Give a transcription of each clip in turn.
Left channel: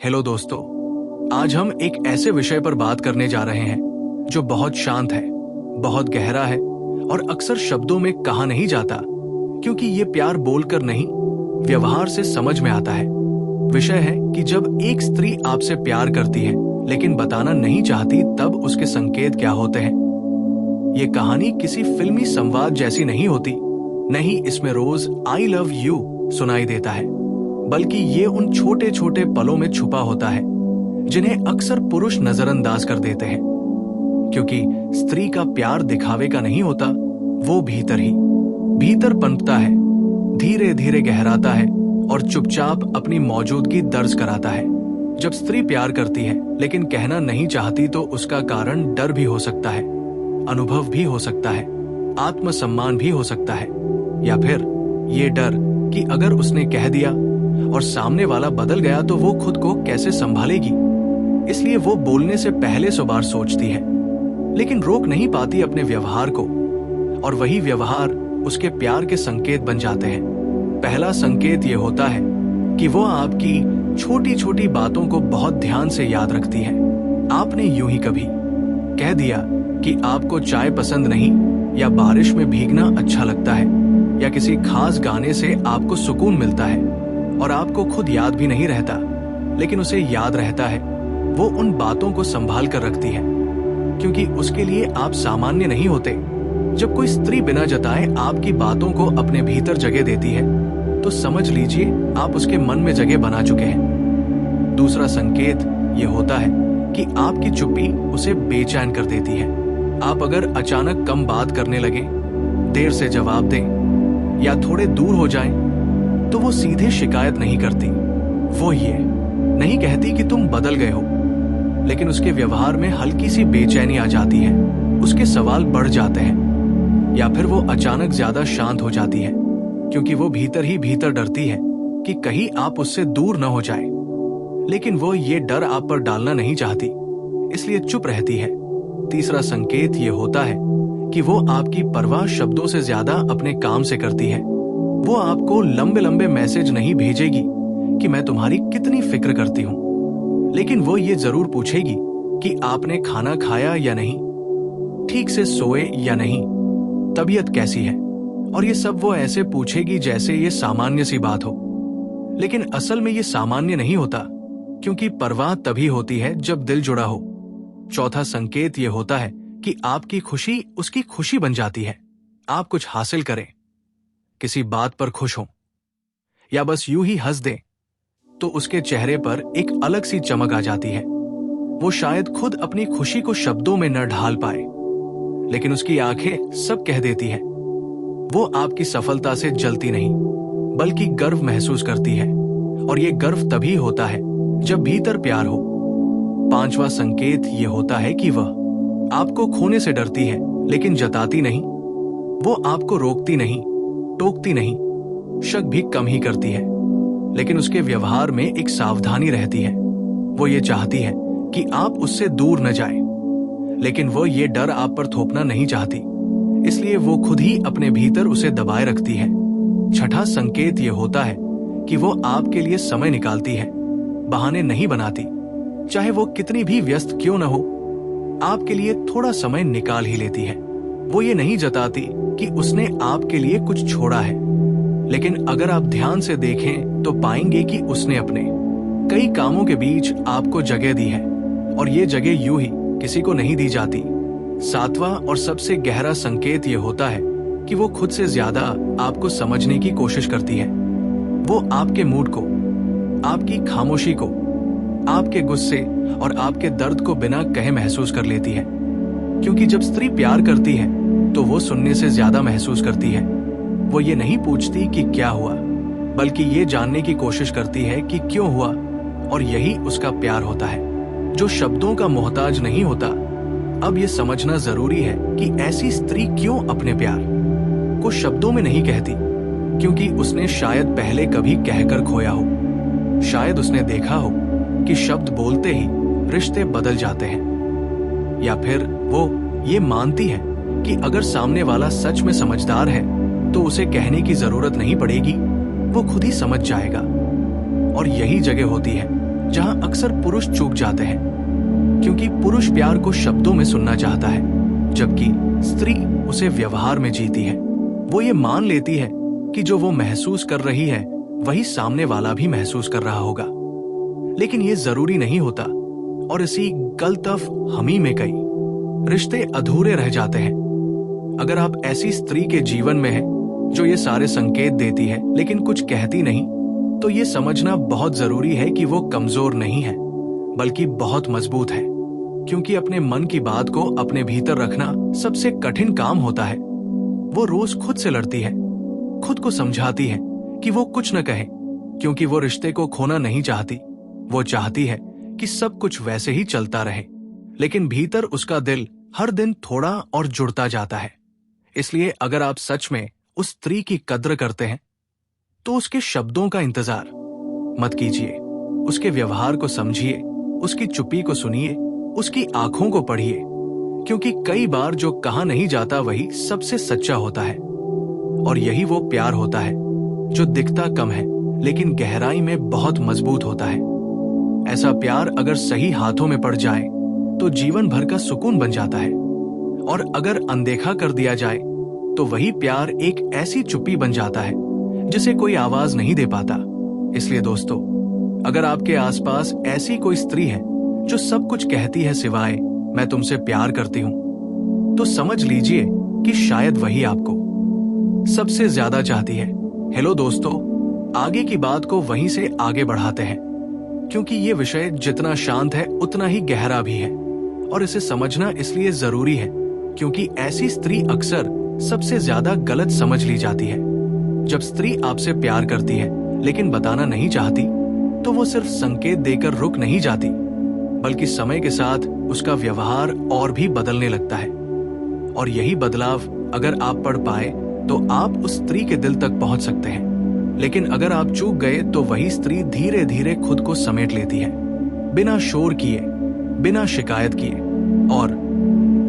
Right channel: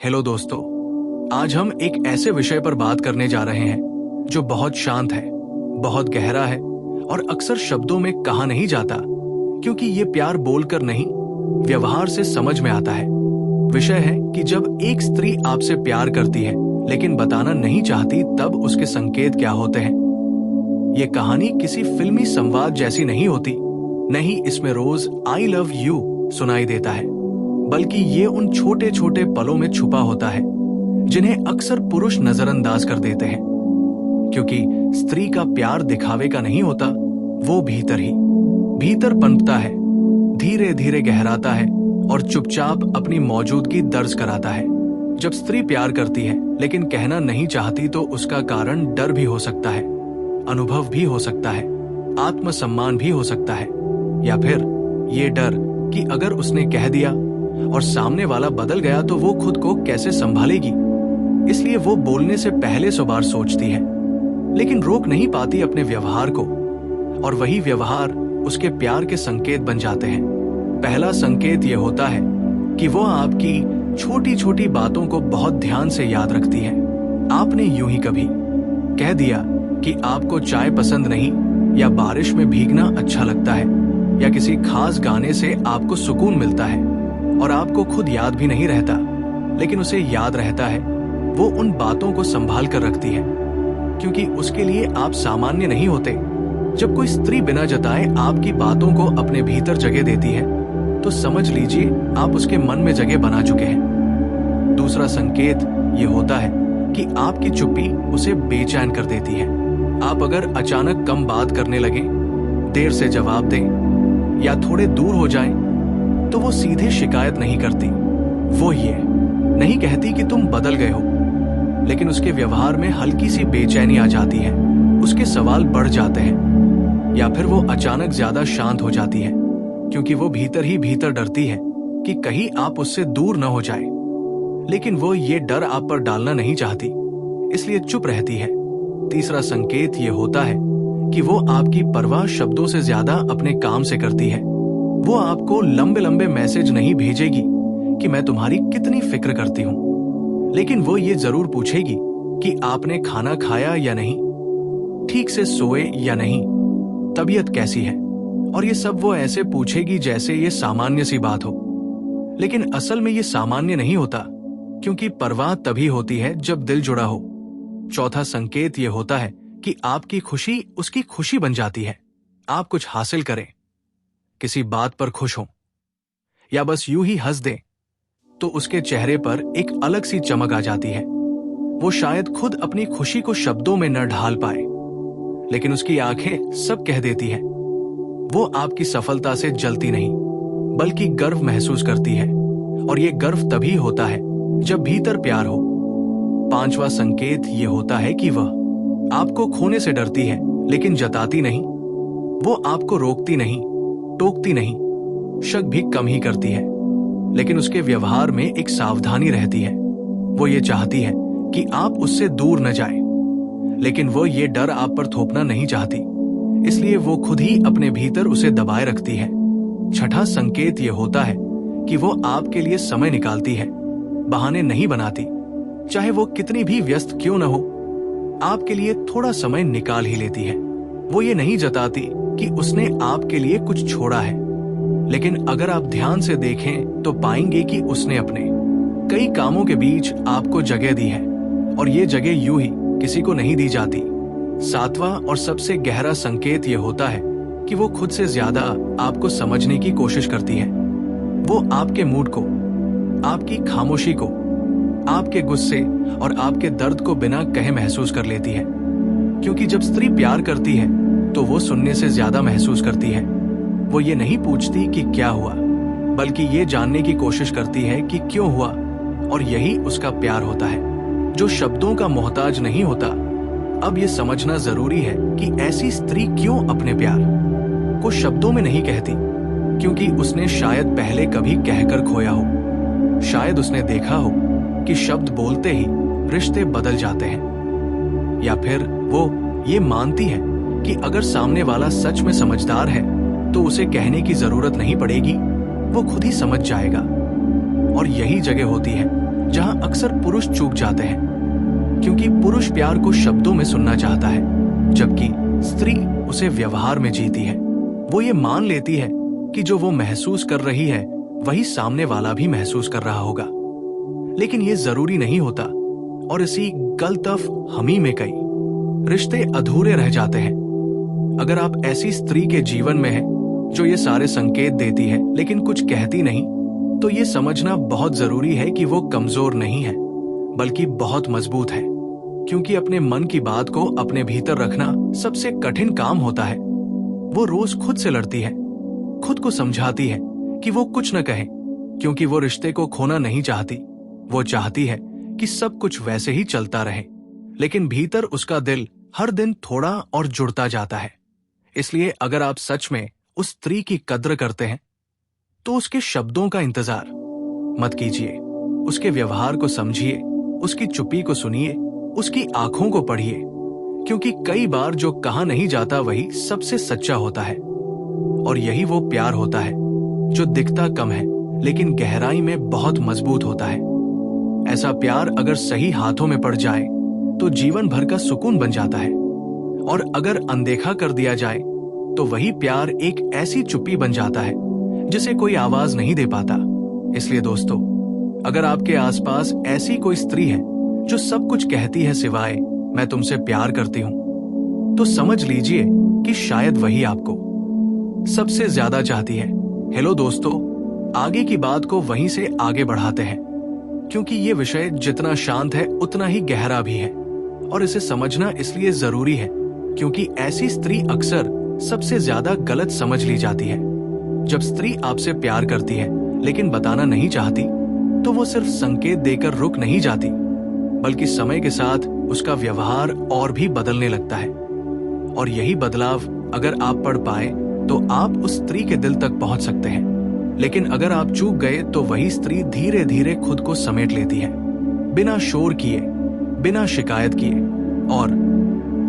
Hello दोस्तों, आज हम एक ऐसे विषय पर बात करने जा रहे हैं जो बहुत शांत है, बहुत गहरा है और अक्सर शब्दों में कहा नहीं जाता, क्योंकि ये प्यार बोलकर नहीं, व्यवहार से समझ में आता है। विषय है कि जब एक स्त्री आपसे प्यार करती है लेकिन बताना नहीं चाहती, तब उसके संकेत क्या होते हैं। ये कहानी किसी फिल्मी संवाद जैसी नहीं होती, नहीं इसमें रोज आई लव यू सुनाई देता है, बल्कि ये उन छोटे छोटे पलों में छुपा होता है जिन्हें अक्सर पुरुष नजरअंदाज कर देते हैं। क्योंकि स्त्री का प्यार दिखावे का नहीं होता, वो भीतर पनपता है, धीरे धीरे गहराता है और चुपचाप अपनी मौजूदगी दर्ज कराता है। जब स्त्री प्यार करती है लेकिन कहना नहीं चाहती, तो उसका कारण डर भी हो सकता है, अनुभव भी हो सकता है, आत्मसम्मान भी हो सकता है, या फिर ये डर कि अगर उसने कह दिया और सामने वाला बदल गया तो वो खुद को कैसे संभालेगी। इसलिए वो बोलने से पहले 100 बार सोचती है, लेकिन रोक नहीं पाती अपने व्यवहार को, और वही व्यवहार उसके प्यार के संकेत बन जाते हैं। पहला संकेत ये होता है कि वो आपकी छोटी छोटी बातों को बहुत ध्यान से याद रखती है। आपने यूं ही कभी कह दिया कि आपको चाय पसंद नहीं, या बारिश में भीगना अच्छा लगता है, या किसी खास गाने से आपको सुकून मिलता है, और आपको खुद याद भी नहीं रहता, लेकिन उसे याद रहता है। वो उन बातों को संभाल कर रखती है, क्योंकि उसके लिए आप सामान्य नहीं होते। जब कोई स्त्री बिना जताए आपकी बातों को अपने भीतर जगह देती है, तो समझ लीजिए आप उसके मन में जगह बना चुके हैं। दूसरा संकेत ये होता है कि आपकी चुप्पी उसे बेचैन कर देती है। आप अगर अचानक कम बात करने लगे, देर से जवाब दें या थोड़े दूर हो जाएं, तो वो सीधे शिकायत नहीं करती। वो ये नहीं कहती कि तुम बदल गए हो, लेकिन उसके व्यवहार में हल्की सी बेचैनी आ जाती है, उसके सवाल बढ़ जाते हैं, या फिर वो अचानक ज्यादा शांत हो जाती है, क्योंकि वो भीतर ही भीतर डरती है कि कहीं आप उससे दूर न हो जाए। लेकिन वो ये डर आप पर डालना नहीं चाहती, इसलिए चुप रहती है। तीसरा संकेत ये होता है कि वो आपकी परवाह शब्दों से ज्यादा अपने काम से करती है। वो आपको लंबे लंबे मैसेज नहीं भेजेगी कि मैं तुम्हारी कितनी फिक्र करती हूं, लेकिन वो ये जरूर पूछेगी कि आपने खाना खाया या नहीं, ठीक से सोए या नहीं, तबीयत कैसी है। और ये सब वो ऐसे पूछेगी जैसे ये सामान्य सी बात हो, लेकिन असल में ये सामान्य नहीं होता, क्योंकि परवाह तभी होती है जब दिल जुड़ा हो। चौथा संकेत ये होता है कि आपकी खुशी उसकी खुशी बन जाती है। आप कुछ हासिल करें, किसी बात पर खुश हो, या बस यूं ही हंस दें, तो उसके चेहरे पर एक अलग सी चमक आ जाती है। वो शायद खुद अपनी खुशी को शब्दों में न ढाल पाए, लेकिन उसकी आंखें सब कह देती हैं। वो आपकी सफलता से जलती नहीं, बल्कि गर्व महसूस करती है, और ये गर्व तभी होता है जब भीतर प्यार हो। पांचवा संकेत ये होता है कि वह आपको खोने से डरती है, लेकिन जताती नहीं। वो आपको रोकती नहीं, टोकती नहीं, शक भी कम ही करती है, लेकिन उसके व्यवहार में एक सावधानी रहती है। वो ये चाहती है कि आप उससे दूर न जाएं, लेकिन वो ये डर आप पर थोपना नहीं चाहती, इसलिए वो खुद ही अपने भीतर उसे दबाए रखती है। छठा संकेत ये होता है कि वो आपके लिए समय निकालती है, बहाने नहीं बनाती। चाहे वो कितनी भी व्यस्त क्यों न हो, आपके लिए थोड़ा समय निकाल ही लेती है। वो ये नहीं जताती कि उसने आपके लिए कुछ छोड़ा है, लेकिन अगर आप ध्यान से देखें तो पाएंगे कि उसने अपने कई कामों के बीच आपको जगह दी है, और ये जगह यूं ही किसी को नहीं दी जाती। सातवां और सबसे गहरा संकेत ये होता है कि वो खुद से ज्यादा आपको समझने की कोशिश करती है। वो आपके मूड को, आपकी खामोशी को, आपके गुस्से और आपके दर्द को बिना कहे महसूस कर लेती है, क्योंकि जब स्त्री प्यार करती है तो वो सुनने से ज्यादा महसूस करती है। वो ये नहीं पूछती कि क्या हुआ, बल्कि ये जानने की कोशिश करती है कि क्यों हुआ, और यही उसका प्यार होता है, जो शब्दों का मोहताज नहीं होता। अब ये समझना जरूरी है कि ऐसी स्त्री क्यों अपने प्यार को शब्दों में नहीं कहती, क्योंकि उसने शायद पहले कभी कहकर खोया हो, शायद उसने देखा हो कि शब्द बोलते ही रिश्ते बदल जाते हैं, या फिर वो ये मानती है कि अगर सामने वाला सच में समझदार है तो उसे कहने की जरूरत नहीं पड़ेगी, वो खुद ही समझ जाएगा। और यही जगह होती है जहां अक्सर पुरुष चूक जाते हैं, क्योंकि पुरुष प्यार को शब्दों में सुनना चाहता है, जबकि स्त्री उसे व्यवहार में जीती है। वो ये मान लेती है कि जो वो महसूस कर रही है वही सामने वाला भी महसूस कर रहा होगा, लेकिन ये जरूरी नहीं होता, और इसी गलतफ हमी में कई रिश्ते अधूरे रह जाते हैं। अगर आप ऐसी स्त्री के जीवन में हैं जो ये सारे संकेत देती है लेकिन कुछ कहती नहीं, तो ये समझना बहुत जरूरी है कि वो कमजोर नहीं है, बल्कि बहुत मजबूत है। क्योंकि अपने मन की बात को अपने भीतर रखना सबसे कठिन काम होता है। वो रोज खुद से लड़ती है, खुद को समझाती है कि वो कुछ न कहे, क्योंकि वो रिश्ते को खोना नहीं चाहती। वो चाहती है कि सब कुछ वैसे ही चलता रहे, लेकिन भीतर उसका दिल हर दिन थोड़ा और जुड़ता जाता है। इसलिए अगर आप सच में उस स्त्री की कद्र करते हैं, तो उसके शब्दों का इंतजार मत कीजिए। उसके व्यवहार को समझिए, उसकी चुप्पी को सुनिए, उसकी आंखों को पढ़िए, क्योंकि कई बार जो कहा नहीं जाता वही सबसे सच्चा होता है। और यही वो प्यार होता है जो दिखता कम है लेकिन गहराई में बहुत मजबूत होता है। ऐसा प्यार अगर सही हाथों में पड़ जाए तो जीवन भर का सुकून बन जाता है, और अगर अनदेखा कर दिया जाए तो वही प्यार एक ऐसी चुप्पी बन जाता है जिसे कोई आवाज नहीं दे पाता। इसलिए दोस्तों, अगर आपके आसपास ऐसी कोई स्त्री है जो सब कुछ कहती है सिवाय मैं तुमसे प्यार करती हूं, तो समझ लीजिए कि शायद वही आपको सबसे ज्यादा चाहती है। हेलो दोस्तों, आगे की बात को वहीं से आगे बढ़ाते हैं, क्योंकि ये विषय जितना शांत है उतना ही गहरा भी है, और इसे समझना इसलिए जरूरी है क्योंकि ऐसी स्त्री अक्सर सबसे ज्यादा गलत समझ ली जाती है। जब स्त्री आपसे प्यार करती है लेकिन बताना नहीं चाहती, तो वो सिर्फ संकेत देकर रुक नहीं जाती, बल्कि समय के साथ उसका व्यवहार और भी बदलने लगता है। और यही बदलाव अगर आप पढ़ पाए तो आप उस स्त्री के दिल तक पहुंच सकते हैं। लेकिन अगर आप चूक गए तो वही स्त्री धीरे धीरे खुद को समेट लेती है, बिना शोर किए, बिना शिकायत किए, और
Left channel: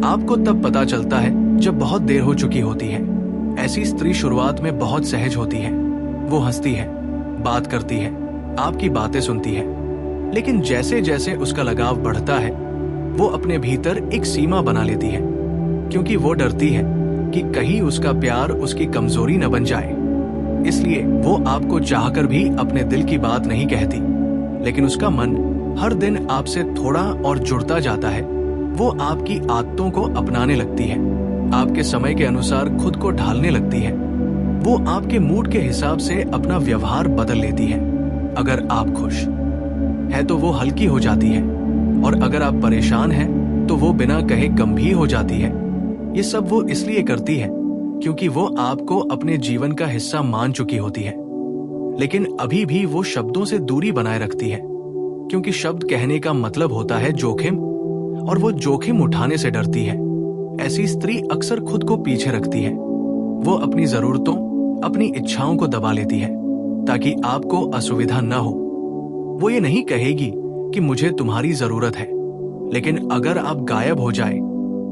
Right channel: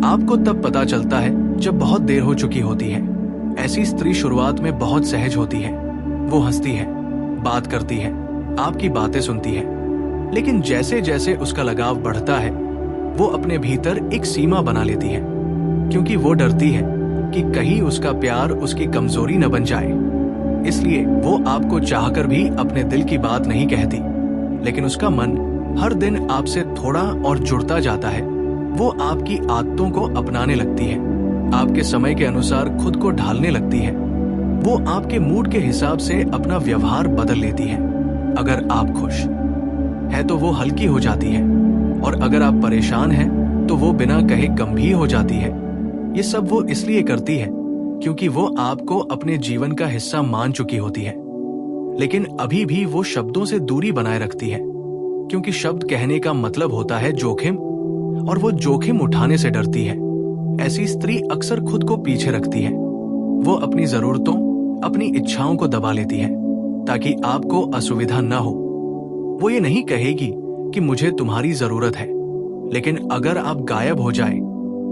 आपको तब पता चलता है जब बहुत देर हो चुकी होती है। ऐसी स्त्री शुरुआत में बहुत सहज होती है। वो हंसती है, बात करती है, आपकी बातें सुनती है, लेकिन जैसे जैसे उसका लगाव बढ़ता है वो अपने भीतर एक सीमा बना लेती है, क्योंकि वो डरती है कि कहीं उसका प्यार उसकी कमजोरी न बन जाए। इसलिए वो आपको चाहकर भी अपने दिल की बात नहीं कहती, लेकिन उसका मन हर दिन आपसे थोड़ा और जुड़ता जाता है। वो आपकी आदतों को अपनाने लगती है, आपके समय के अनुसार खुद को ढालने लगती है। वो आपके मूड के हिसाब से अपना व्यवहार बदल लेती है। अगर आप खुश है तो वो हल्की हो जाती है, और अगर आप परेशान हैं तो वो बिना कहे गंभीर हो जाती है। ये सब वो इसलिए करती है क्योंकि वो आपको अपने जीवन का हिस्सा मान चुकी होती है, लेकिन अभी भी वो शब्दों से दूरी बनाए रखती है, क्योंकि शब्द कहने का मतलब होता है जोखिम, और वो जोखिम उठाने से डरती है। ऐसी स्त्री अक्सर खुद को पीछे रखती है। वो अपनी जरूरतों, अपनी इच्छाओं को दबा लेती है ताकि आपको असुविधा न हो। वो ये नहीं कहेगी कि मुझे तुम्हारी जरूरत है, लेकिन अगर आप गायब हो जाए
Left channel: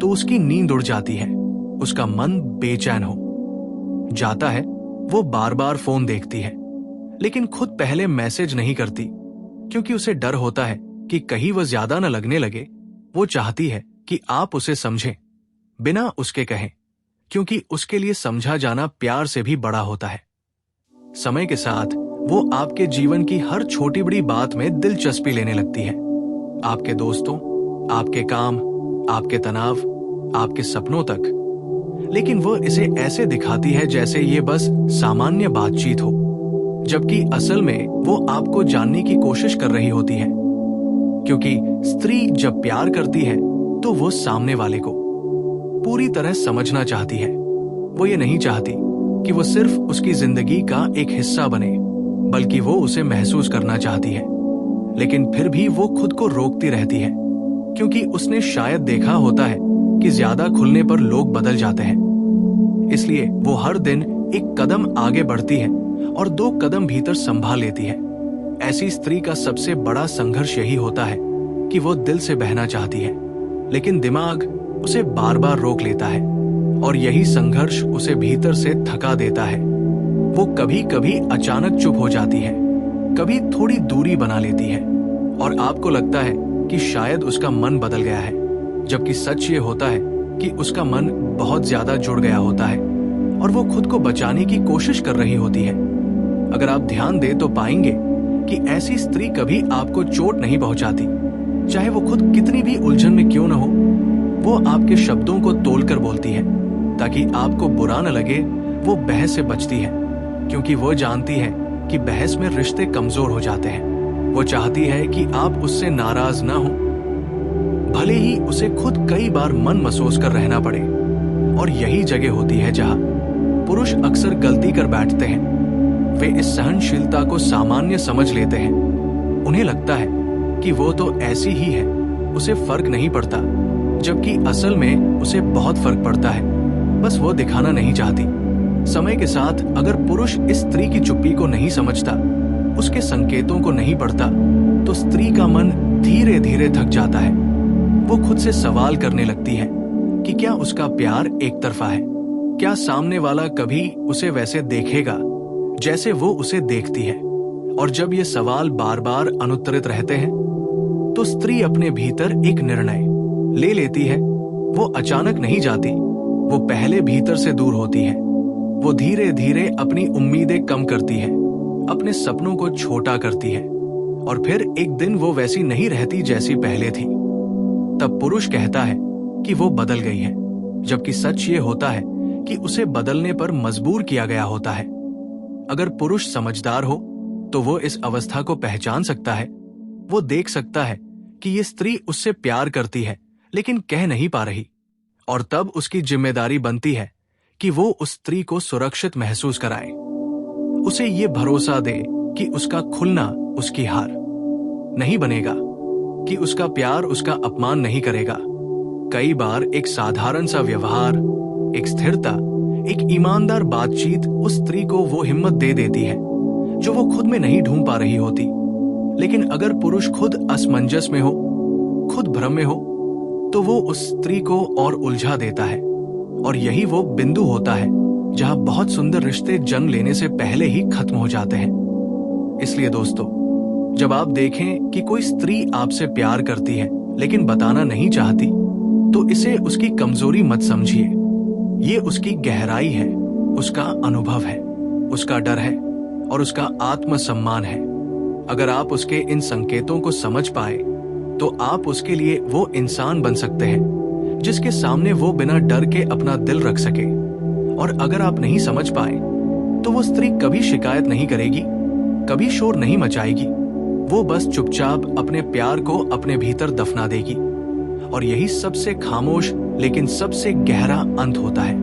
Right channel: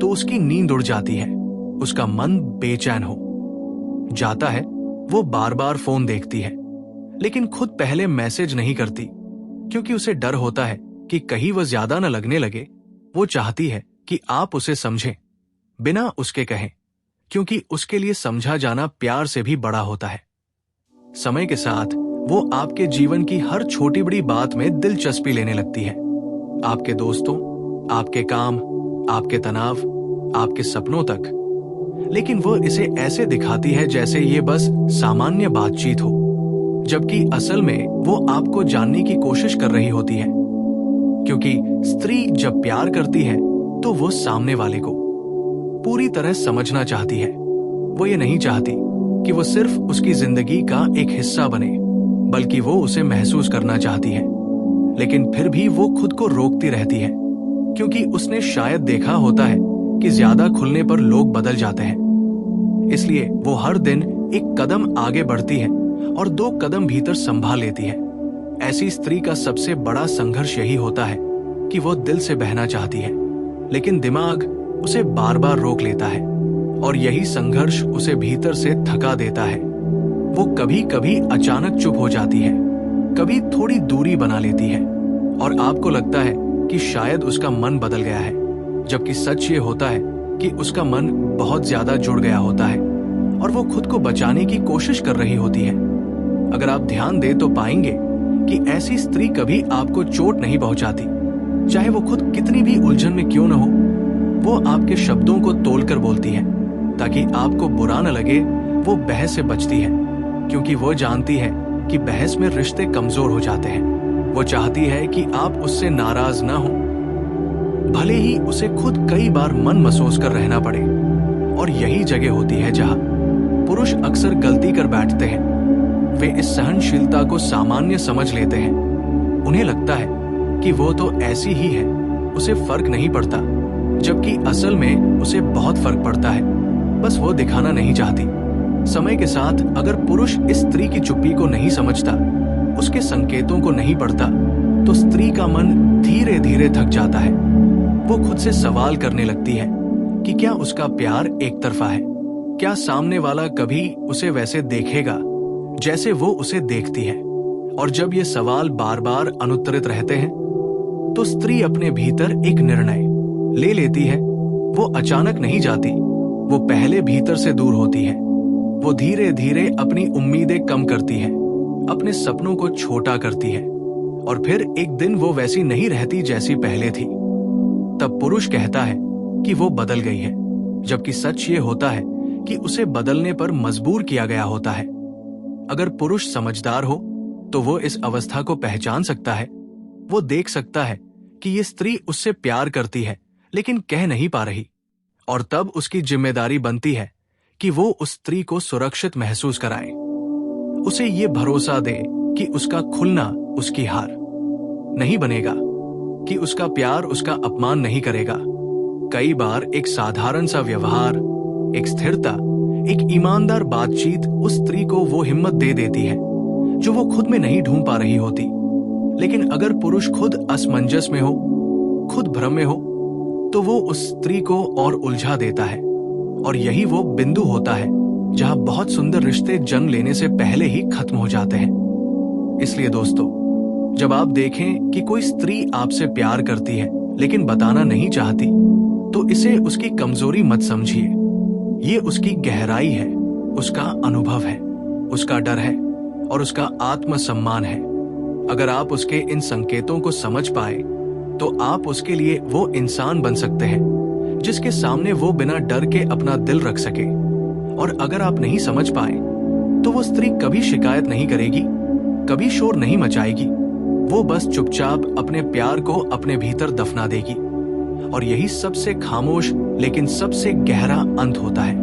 तो उसकी नींद उड़ जाती है, उसका मन बेचैन हो जाता है। वो बार बार फोन देखती है, लेकिन खुद पहले मैसेज नहीं करती, क्योंकि उसे डर होता है कि कहीं वह ज्यादा न लगने लगे। वो चाहती है कि आप उसे समझें बिना उसके कहें, क्योंकि उसके लिए समझा जाना प्यार से भी बड़ा होता है। समय के साथ वो आपके जीवन की हर छोटी बड़ी बात में दिलचस्पी लेने लगती है, आपके दोस्तों, आपके काम, आपके तनाव, आपके सपनों तक। लेकिन वो इसे ऐसे दिखाती है जैसे ये बस सामान्य बातचीत हो, जबकि असल में वो आपको जानने की कोशिश कर रही होती है। क्योंकि स्त्री जब प्यार करती है तो वो सामने वाले को पूरी तरह समझना चाहती है। वो ये नहीं चाहती कि वो सिर्फ उसकी जिंदगी का एक हिस्सा बने, बल्कि वो उसे महसूस करना चाहती है। लेकिन फिर भी वो खुद को रोकती रहती है, क्योंकि उसने शायद देखा होता है कि ज्यादा खुलने पर लोग बदल जाते हैं। इसलिए वो हर दिन एक कदम आगे बढ़ती है और 2 कदम भीतर संभाल लेती है। ऐसी स्त्री का सबसे बड़ा संघर्ष यही होता है कि वो दिल से बहना चाहती है, लेकिन दिमाग उसे बार बार रोक लेता है, और यही संघर्ष उसे भीतर से थका देता है। वो कभी कभी अचानक चुप हो जाती है, कभी थोड़ी दूरी बना लेती है, और आपको लगता है कि शायद उसका मन बदल गया है, जबकि सच ये होता है कि उसका मन बहुत ज्यादा जुड़ गया होता है और वो खुद को बचाने की कोशिश कर रही होती है। अगर आप ध्यान दें तो पाएंगे कि ऐसी स्त्री कभी आपको चोट नहीं पहुंचाती, चाहे वो खुद कितनी भी उलझन में क्यों न हो। वो आपके शब्दों को तोलकर बोलती है ताकि आपको बुरा न लगे। वो बहस से बचती है क्योंकि वो जानती है कि बहस में रिश्ते कमजोर हो जाते हैं। वो चाहती है कि आप उससे नाराज ना हो, भले ही उसे खुद कई बार मन महसूस कर रहना पड़े। और यही जगह होती है जहां पुरुष अक्सर गलती कर बैठते हैं। वे इस सहनशीलता को सामान्य समझ लेते हैं। उन्हें लगता है कि वो तो ऐसी ही है, उसे फर्क नहीं पड़ता, जबकि असल में उसे बहुत फर्क पड़ता है, बस वो दिखाना नहीं चाहती। समय के साथ अगर पुरुष इस स्त्री की चुप्पी को नहीं समझता, उसके संकेतों को नहीं पढ़ता, तो स्त्री का मन धीरे धीरे थक जाता है। वो खुद से सवाल करने लगती है कि क्या उसका प्यार एक तरफा है, क्या सामने वाला कभी उसे वैसे देखेगा जैसे वो उसे देखती है। और जब ये सवाल बार बार अनुत्तरित रहते हैं तो स्त्री अपने भीतर एक निर्णय ले लेती है। वो अचानक नहीं जाती, वो पहले भीतर से दूर होती है। वो धीरे धीरे अपनी उम्मीदें कम करती है, अपने सपनों को छोटा करती है, और फिर एक दिन वो वैसी नहीं रहती जैसी पहले थी। तब पुरुष कहता है कि वो बदल गई है, जबकि सच ये होता है कि उसे बदलने पर मजबूर किया गया होता है। अगर पुरुष समझदार हो तो वो इस अवस्था को पहचान सकता है। वो देख सकता है कि ये स्त्री उससे प्यार करती है लेकिन कह नहीं पा रही, और तब उसकी जिम्मेदारी बनती है कि वो उस स्त्री को सुरक्षित महसूस कराए। उसे ये भरोसा दे कि उसका खुलना उसकी हार नहीं बनेगा, कि उसका प्यार उसका अपमान नहीं करेगा। कई बार एक साधारण सा व्यवहार, एक स्थिरता, एक ईमानदार बातचीत उस स्त्री को वो हिम्मत दे देती है जो वो खुद में नहीं ढूंढ पा रही होती। लेकिन अगर पुरुष खुद असमंजस में हो, खुद भ्रम में हो, तो वो उस स्त्री को और उलझा देता है। और यही वो बिंदु होता है जहां बहुत सुंदर रिश्ते जन्म लेने से पहले ही खत्म हो जाते हैं। इसलिए दोस्तों, जब आप देखें कि कोई स्त्री आपसे प्यार करती है लेकिन बताना नहीं चाहती, तो इसे उसकी कमजोरी मत समझिए। ये उसकी गहराई है, उसका अनुभव है, उसका डर है और उसका आत्मसम्मान है। अगर आप उसके इन संकेतों को समझ पाए तो आप उसके लिए वो इंसान बन सकते हैं जिसके सामने वो बिना डर के अपना दिल रख सके। और अगर आप नहीं समझ पाए तो वो स्त्री कभी शिकायत नहीं करेगी, कभी शोर नहीं मचाएगी। वो बस चुपचाप अपने प्यार को अपने भीतर दफना देगी। और यही सबसे खामोश लेकिन सबसे गहरा अंत होता है।